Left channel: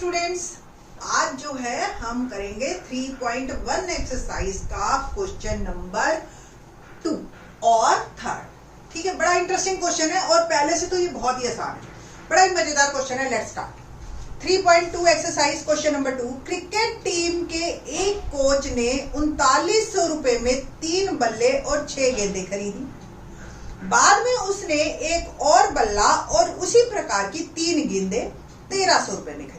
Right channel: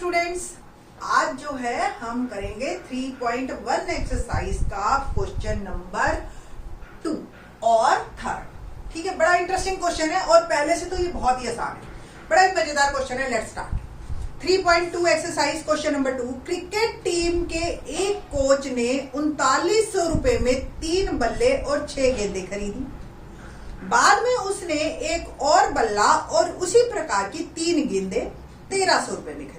Students, आज जो है हम करेंगे 3.1 एक्सरसाइज का क्वेश्चन नंबर 2 और 3rd। ठीक है, बड़ा इंटरेस्टिंग क्वेश्चन है और पहले से तो ये बहुत ही आसान है, बड़ा ही मजेदार क्वेश्चन है। Let's start. 3.2 exercise question number 2। Cricket team के एक कोच ने 3900 रुपए में 3 बल्ले और 6 गेंदें खरीदी। बाद में उसने एक और बल्ला और उसी प्रकार की 3 गेंदें 1300 रुपए में खरीदी।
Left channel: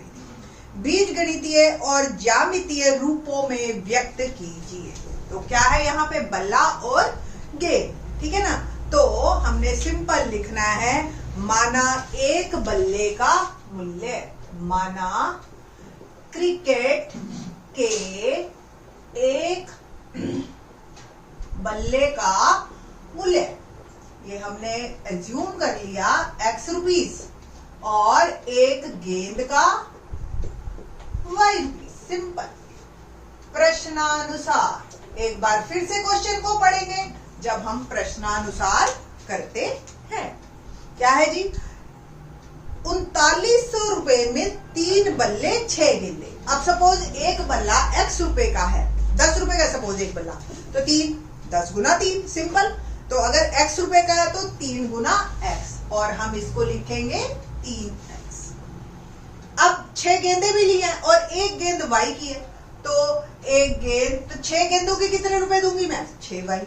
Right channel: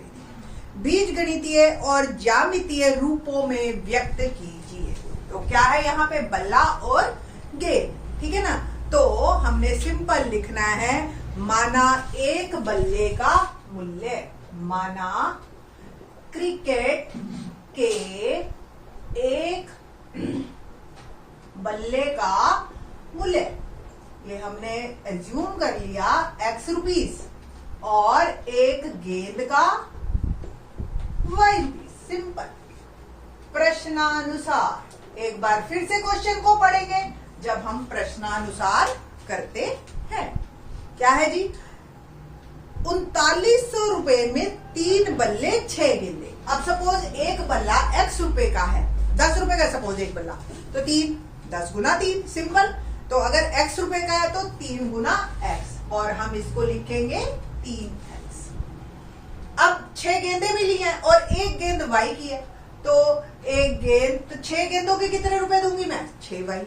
बीज गणितीय और ज्यामितीय रूपों में व्यक्त कीजिए। तो क्या है यहाँ पे, बल्ला और गेंद, ठीक है ना। तो हमने सिंपल लिखना है, माना एक बल्ले का मूल्य, माना क्रिकेट के एक बल्ले का मूल्य, ये हमने एज्यूम कर लिया x रुपीस, और एक गेंद का y रुपीस। सिंपल। प्रश्नानुसार, एक बार फिर से क्वेश्चन को पढ़ेंगे जब हम प्रश्नानुसार करते हैं। क्या है जी, 3900 रुपए में 3 बल्ले 6 गेंदे। अब सपोज एक बल्ला x रुपए का है, 10 रुपए का सपोज एक बल्ला, तो 3 10 गुना 3। सिंपल। तो अगर x रुपए का है तो 3 गुना x, और हम इसको लिखेंगे 3x। अब 6 गेंदें भी ली हैं और एक गेंद y की है, तो एक गेंद, तो 6 गेंदों के कितने रुपए दूंगी मैं, 6y।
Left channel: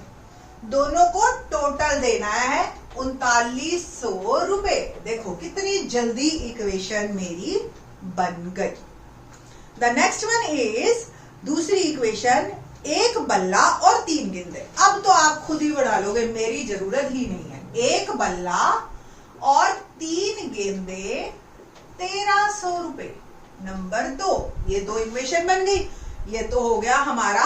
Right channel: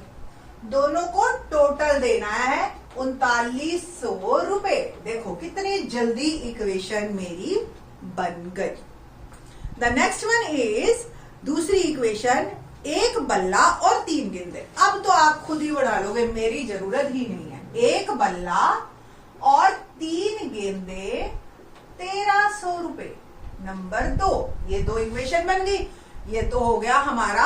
दोनों को टोटल देना है 3900 रुपए। देखो कितनी जल्दी इक्वेशन मेरी बन गई। द नेक्स्ट वन इज दूसरी इक्वेशन, एक बल्ला और 3 गेंदें। अब तो आप खुद ही बढ़ा लोगे, मेरी जरूरत ही नहीं है। एक बल्ला और 3 गेंदें 1300 रुपए। नंबर 2, ये 2 इक्वेशन बन गई। ये तो हो गया हमारा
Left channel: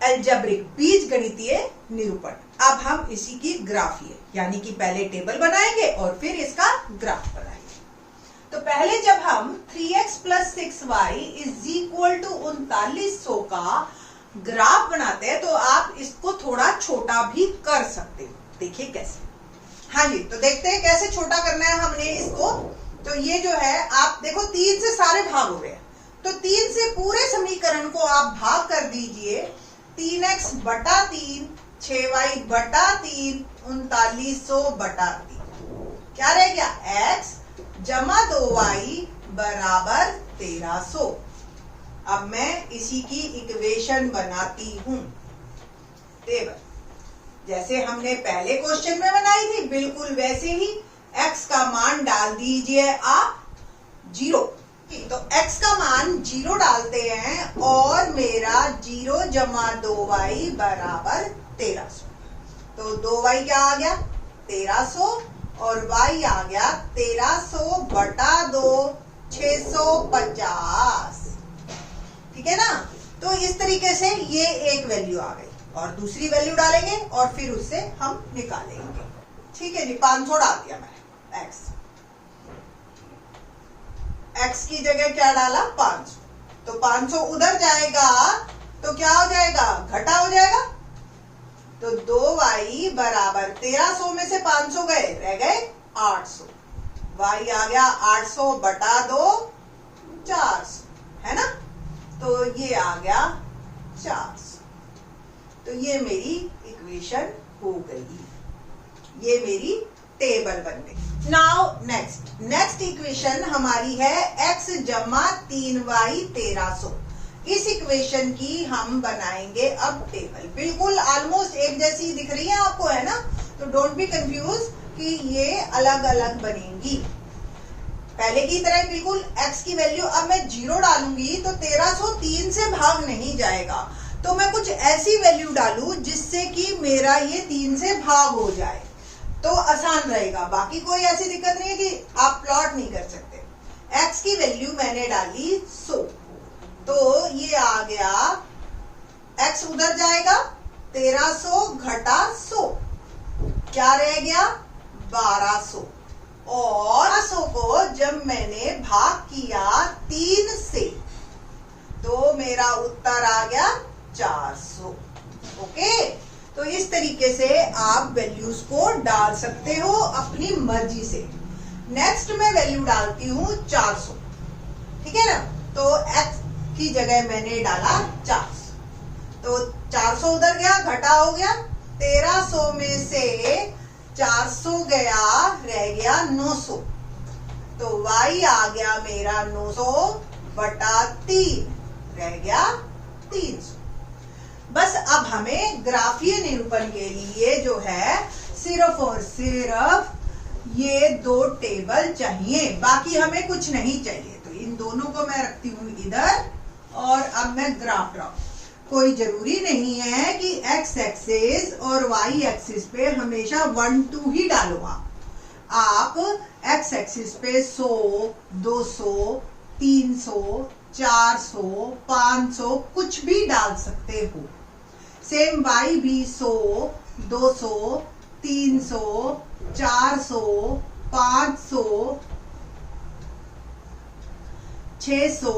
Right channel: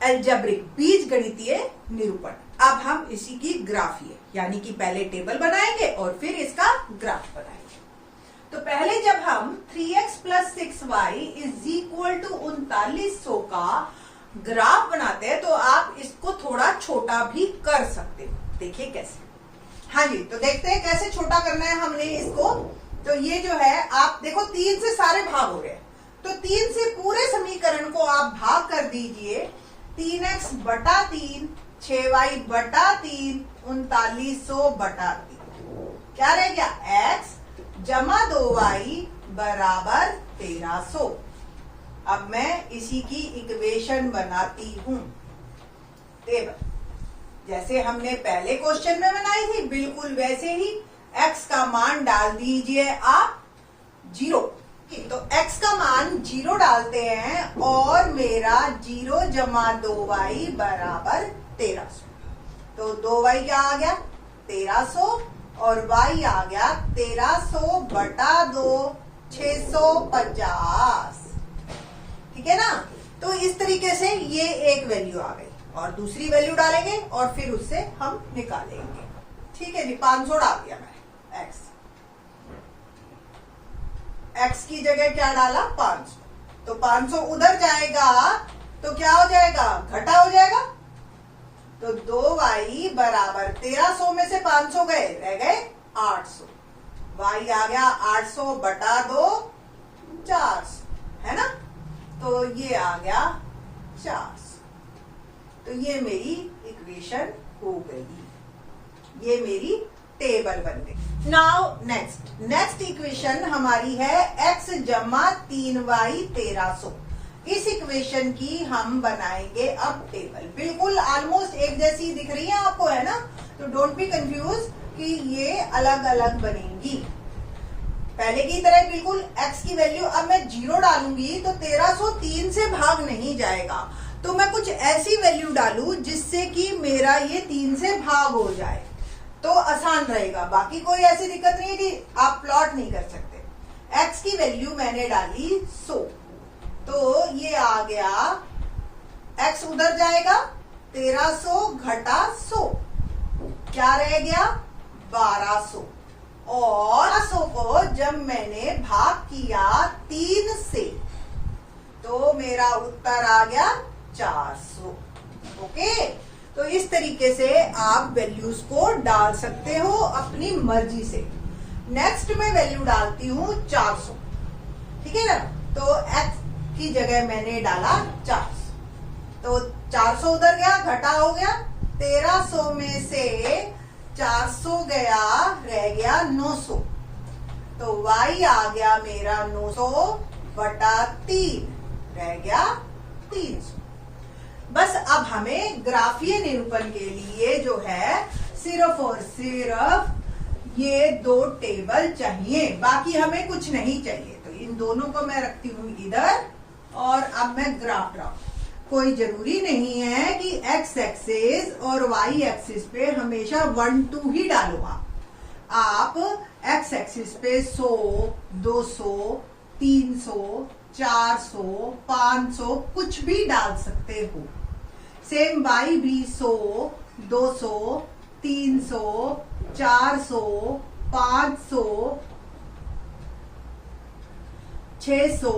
अलजेब्रिक, बीज गणितीय निरूपण। अब हम इसी की ग्राफिए, यानी कि पहले टेबल बनाएंगे और फिर इसका ग्राफ बनाएंगे। तो पहले जब हम 3x + 6y = 3900 का ग्राफ बनाते हैं, तो आप इसको थोड़ा छोटा भी कर सकते हो। देखिए कैसे। हाँ जी, तो देखते हैं कैसे छोटा करना है हमने इसको। तो ये जो है, आप देखो 3 से सारे भाग हो रहे हैं, तो 3 से पूरे समीकरण को आप भाग कर दीजिए। 3x बटा 3, 6y बटा 3, 3900 बटा 3। क्या रह गया, x जमा 2y बराबर 1300। अब मैं इसी की इक्वेशन बनाती हूं। टेबल जैसे हमने पहले क्वेश्चन में बनाई थी, बिल्कुल वैसे ही x का मान डाल दीजिए आप 0। तो x का मान 0 डालते हैं और मेरा 0 जमा 2y बराबर 1300। तो 2y क्या आ गया, 1300, और y आ गया 1300 बटा 2, 650। ठीक है ना। तो इस तरीके से ये एक वैल्यू आ गई, और दूसरी वैल्यू डालेंगे और फिर उससे हम निकालेंगे। ठीक है जी, 500 डाल दिया मैंने x की जगह क्या डाला, 500। तो 500 उधर जाएगा तो क्या हो जाएगा, घटा हो जाएगा। तो 2y बराबर 1300 में से 500 गए, रह गए 800। y आ गया 800 बटा 2, 400, है ना। तो ये आ गया 400। तो ये मेरी इक्वेशन हो गई, ये मेरी टेबल बन गई। नाउ नेक्स्ट इक्वेशन हमारी है x जमा 3y 1300। इस इक्वेशन की हम बनाएंगे अब टेबल। बिल्कुल ऑलमोस्ट एक जैसी दिख रही है आपको, है ना। तो डोंट बी कंफ्यूज कि ये अलग अलग बनेंगी। पहले की तरह बिल्कुल x की वैल्यू, अब मैं 0 डालूंगी तो 1300 3 से भाग नहीं जाएगा, तो मैं कुछ ऐसी वैल्यू डालू जिससे कि मेरा ये 3 से भाग हो जाए, तो आसान रहेगा। बाकी कोई ऐसी दिक्कत नहीं है कि आप प्लॉट नहीं कर सकते। x की वैल्यू मैंने डाली 100, तो ये आ गया, x उधर जाएगा, 1300 घटा 100, क्या रह गया, 1200। और 100 को जब मैंने भाग किया 3 से, तो मेरा उत्तर आ गया 400। ओके, तो इस तरीके से आप वैल्यूज को डाल सकते हो अपनी मर्जी से। नेक्स्ट मैं वैल्यू डालती हूं 400। ठीक है ना। तो x की जगह मैंने डाला 400, तो 400 उधर गया, घटा हो गया 1300 में से 400 गया, रह गया 900, तो y आ गया मेरा 900 बटा 3, रह गया 300। बस अब हमें ग्राफीय निरूपण के लिए जो है सिर्फ और सिर्फ ये दो टेबल चाहिए, बाकी हमें कुछ नहीं चाहिए। तो इन दोनों को मैं रखती हूं इधर, और अब मैं ग्राफ ड्रॉ। कोई जरूरी नहीं है कि x एक्सिस और y एक्सिस पे हमेशा 1 2 ही डालो। आप x एक्सिस पे 100, 200, 300, 400, 500 कुछ भी डाल सकते हो। सेम y भी 100, 200, 300, 400, 500, 600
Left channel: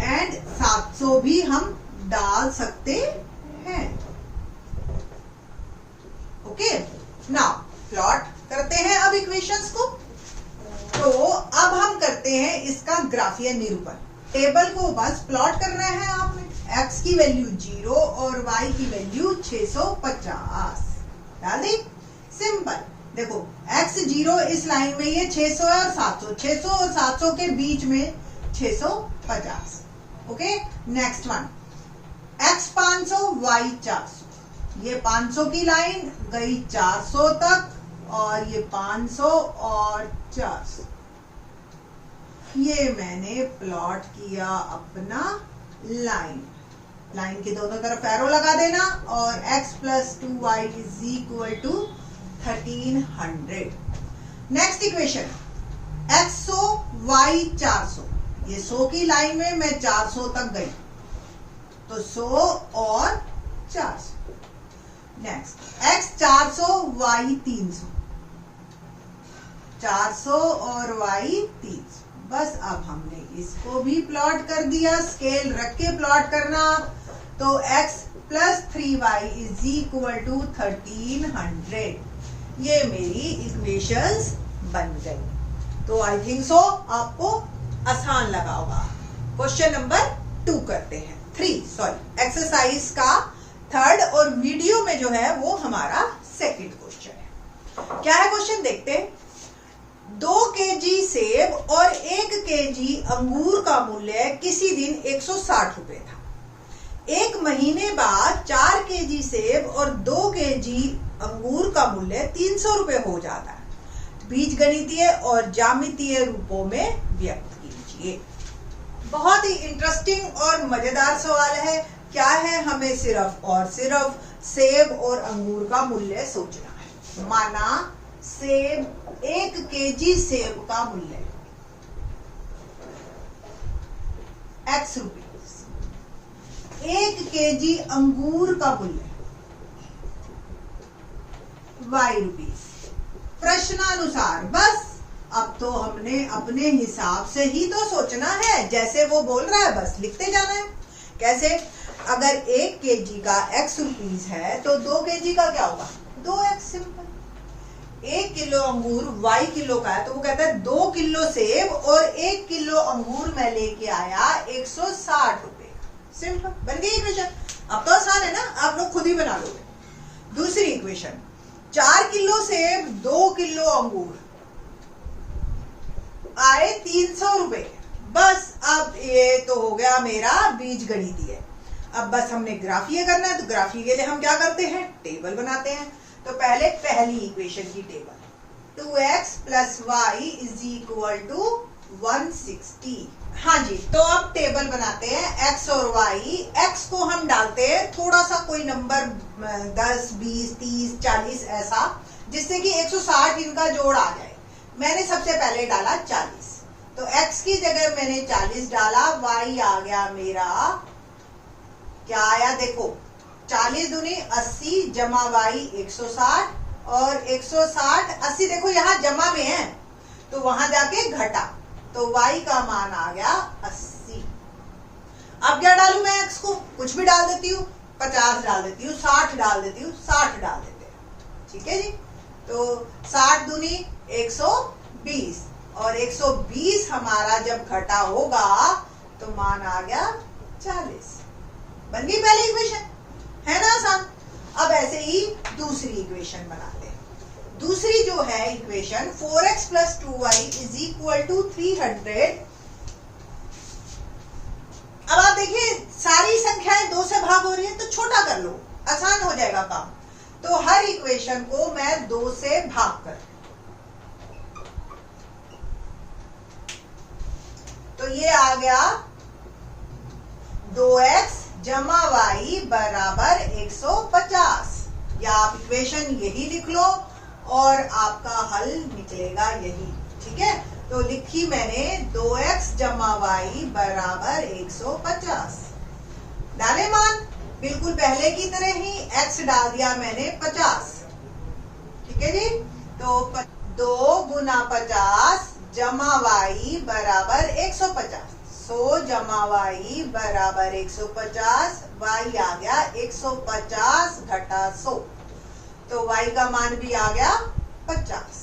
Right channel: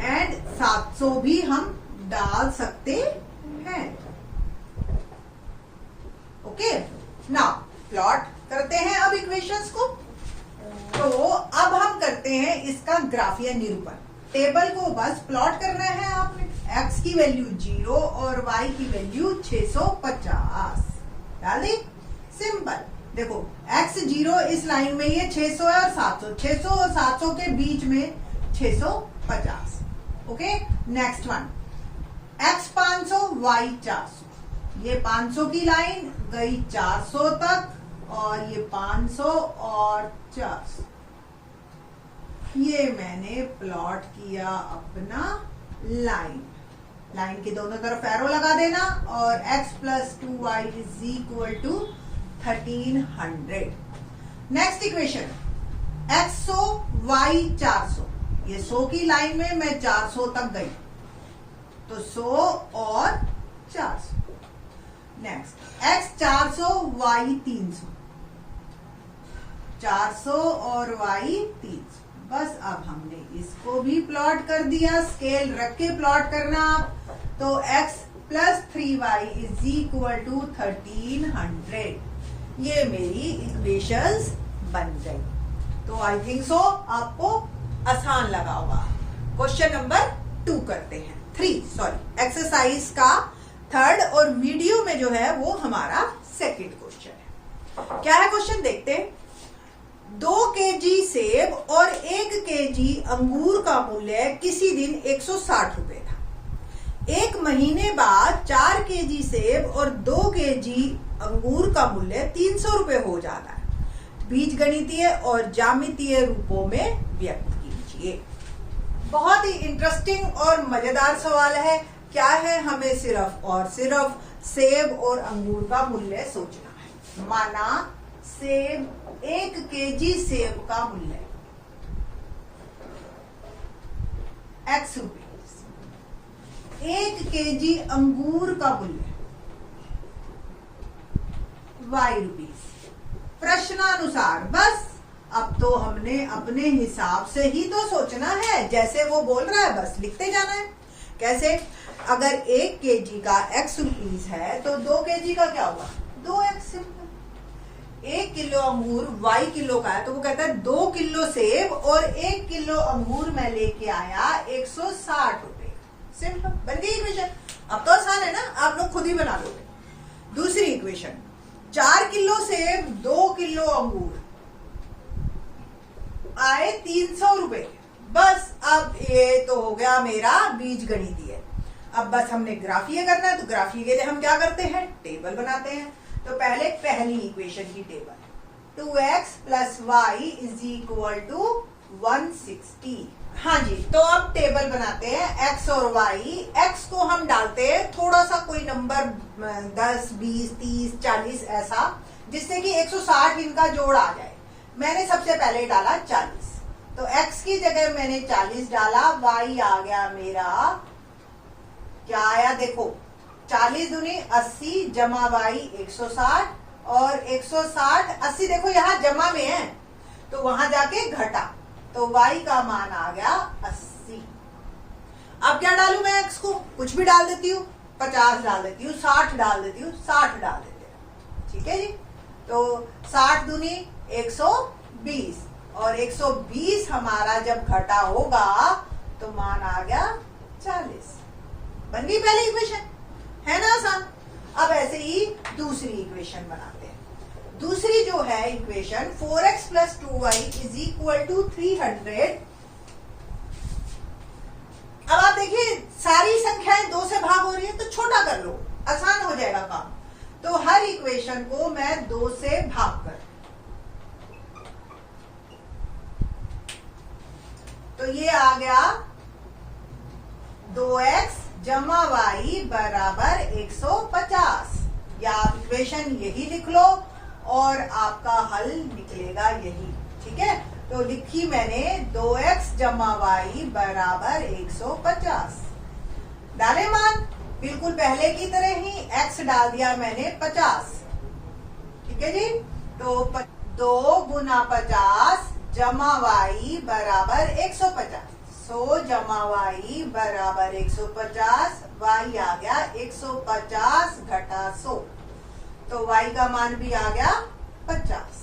एंड 700 भी हम डाल सकते हैं। ओके, नाउ प्लॉट करते हैं अब इक्वेशंस को। तो अब हम करते हैं इसका ग्राफीय निरूपण। टेबल को बस प्लॉट करना है आपने। x की वैल्यू 0 और y की वैल्यू 650 डाल दी। सिंपल। देखो x 0 इस लाइन में ये 600 है और 700, 600 और 700 के बीच में 650। Okay, next one x 500 y 400। ये 500 की लाइन गई 400 तक, और ये 500 और 400, ये मैंने प्लॉट किया अपना लाइन। लाइन के दोनों तरफ एरो लगा देना, और x plus 2y is equal to 1300। Next equation x 100 y 400। ये 100 की लाइन में मैं 400 तक गई, तो 100 और 400। नेक्स्ट x 400 y 300, 400 और y 300। बस अब हमने इसको भी प्लॉट कर दिया। स्केल रख के प्लॉट करना आप। तो x plus 3y is equal to 1300। ये मेरी इक्वेशंस बन गई। तो आई थिंक सो आपको आसान लगा होगा। क्वेश्चन नंबर 2 करते हैं, 3 सॉरी, एक्सरसाइज का 3rd, और वीडियो में जो है वो हमारा 2nd क्वेश्चन है। क्या है क्वेश्चन, देखते हैं। 2 kg सेब और 1 kg अंगूर का मूल्य किसी दिन 160 रुपए था। 1 महीने बाद 4 kg सेब और 2 kg अंगूर का मूल्य 300 रुपए हो जाता है। बीजगणितीय और ज्यामितीय रूपों में व्यक्त कीजिए। बहुत ही इंटरेस्टिंग और मजेदार सवाल है। क्या है, हमें सिर्फ और सिर्फ सेब और अंगूर का मूल्य सोचना है। माना सेब 1 kg सेब का मूल्य x रुपीज, 1 kg अंगूर का मूल्य y रुपीज। प्रश्नानुसार। बस अब तो हमने अपने हिसाब से ही तो सोचना है, जैसे वो बोल रहा है बस लिखते जाना है। कैसे, अगर 1 kg का x रुपीज है तो 2 kg का क्या होगा, 2x। सिंपल। 1 किलो अंगूर y किलो का है, तो वो कहता है 2 किलो सेब और 1 किलो अंगूर मैं लेके आया 160 रुपए। सिंपल, बन गई इक्वेशन। अब तो आसान है ना, आप लोग खुद ही बना लोगे। दूसरी इक्वेशन, 4 किलो सेब 2 किलो अंगूर आए 300 रुपए। बस अब ये तो हो गया मेरा बीज गणितीय। अब बस हमने ग्राफीय करना है, तो ग्राफीय के लिए हम क्या करते हैं, टेबल बनाते हैं। तो पहले पहली इक्वेशन की table, 2x plus Y is equal to 160। हाँ जी, तो अब टेबल बनाते हैं x और y। x को हम डालते हैं थोड़ा सा कोई नंबर 10, 20, 30, 40 ऐसा, जिससे कि 160 इनका जोड़ आ जाए। मैंने सबसे पहले डाला 40, तो x की जगह मैंने 40 डाला। y आ गया मेरा, क्या आया देखो, 40 दूनी 80 जमा y 160, और 160 80 देखो यहाँ जमा में है तो वहां जाके घटा, तो y का मान आ गया 80। अब क्या डालू मैं, x को कुछ भी डाल देती हूँ, 50 डाल देती हूँ, 60 डाल देती हूँ, 60 डाल देते हैं। ठीक है जी, तो 60 दूनी 120 और 120 हमारा जब घटा होगा तो मान आ गया 40। बन गई पहली इक्वेशन, है ना आसान। अब ऐसे ही दूसरी इक्वेशन बनाते हैं। दूसरी जो है इक्वेशन 4x + 2y = 300। अब आप देखिए सारी संख्याएं 2 से भाग हो रही है तो छोटा कर लो, आसान हो जाएगा काम। तो हर इक्वेशन को मैं 2 से भाग कर, तो ये आ गया 2x + y = 150। या आप इक्वेशन यही लिख लो और आपका हल निकलेगा यही, ठीक है। तो लिखी मैंने 2x + y = 150। डाले मान बिल्कुल पहले की तरह ही, x डाल दिया मैंने 50, ठीक है जी। तो 2 × 50 + y = 150। 100 + y = 150। y आ गया 150 घटा 100, तो y का मान भी आ गया 50।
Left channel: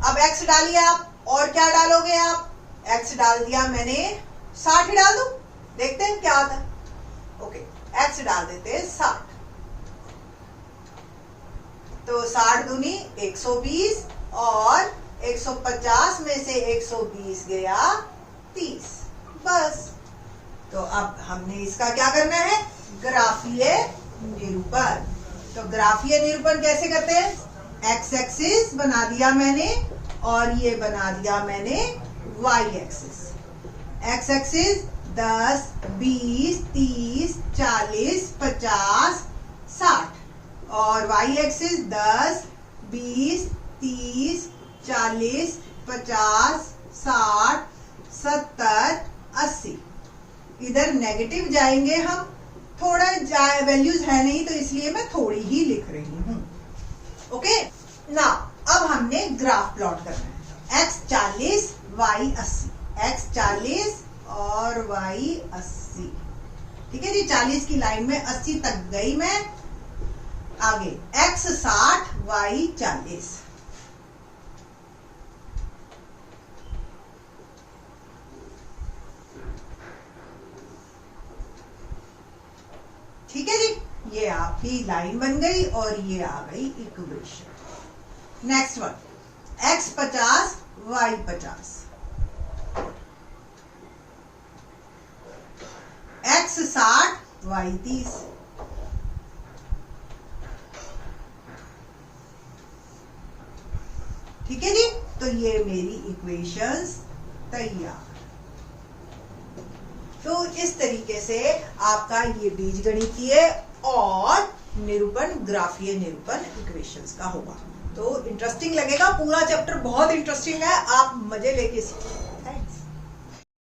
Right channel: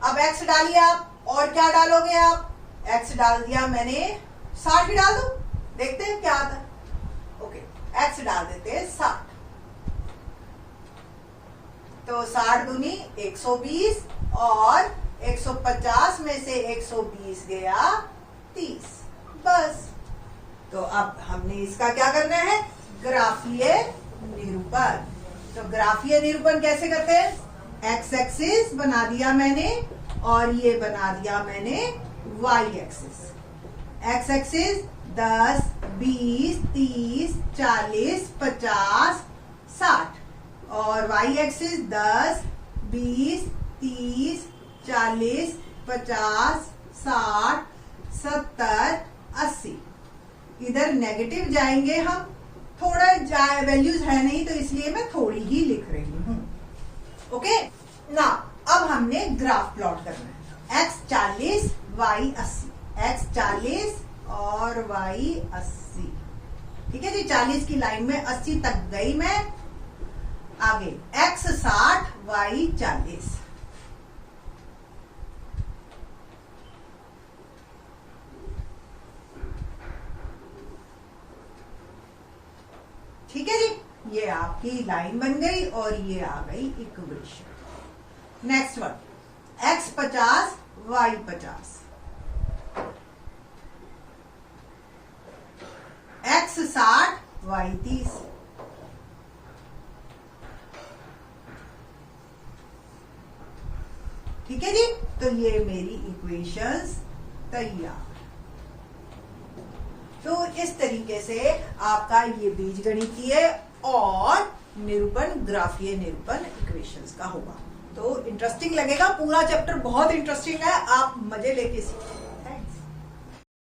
अब x डालिए आप, और क्या डालोगे आप? x डाल दिया मैंने 60 ही डाल दो, देखते हैं क्या आता है। ओके, x डाल देते हैं 60। तो 60 दूनी 120 और 150 में से 120 गया 30, बस। तो अब हमने इसका क्या करना है? ग्राफीय निरूपण। तो ग्राफीय निरूपण कैसे करते हैं? x एक्सिस बना दिया मैंने और ये बना दिया मैंने y एक्सिस। x एक्सिस 10, 20, 30, 40, 50, 60 और y एक्सिस 10, 20, 30, 40, 50, 60, 70, 80। इधर नेगेटिव जाएंगे हम, थोड़ा वैल्यूज है नहीं तो इसलिए मैं थोड़ी ही लिख रही हूं। ओके ना, अब हमने ग्राफ प्लॉट करना है। x 40 y 80, x 40 और y 80, ठीक है जी। 40 की लाइन में 80 तक गई मैं। आगे x 60 y 40। ठीक है जी, ये आपकी लाइन बन गई और ये आ गई equation. Next one, x 50 y 50। x 60 y 30। ठीक है जी, तो ये मेरी इक्वेशंस तैयार। तो इस तरीके से आपका ये बीजगणितीय और निरूपण, ग्राफीय निरूपण इक्वेशंस का होगा। तो इंटरेस्टिंग लगेगा, पूरा चैप्टर बहुत इंटरेस्टिंग है, आप मजे लेके सीखिए।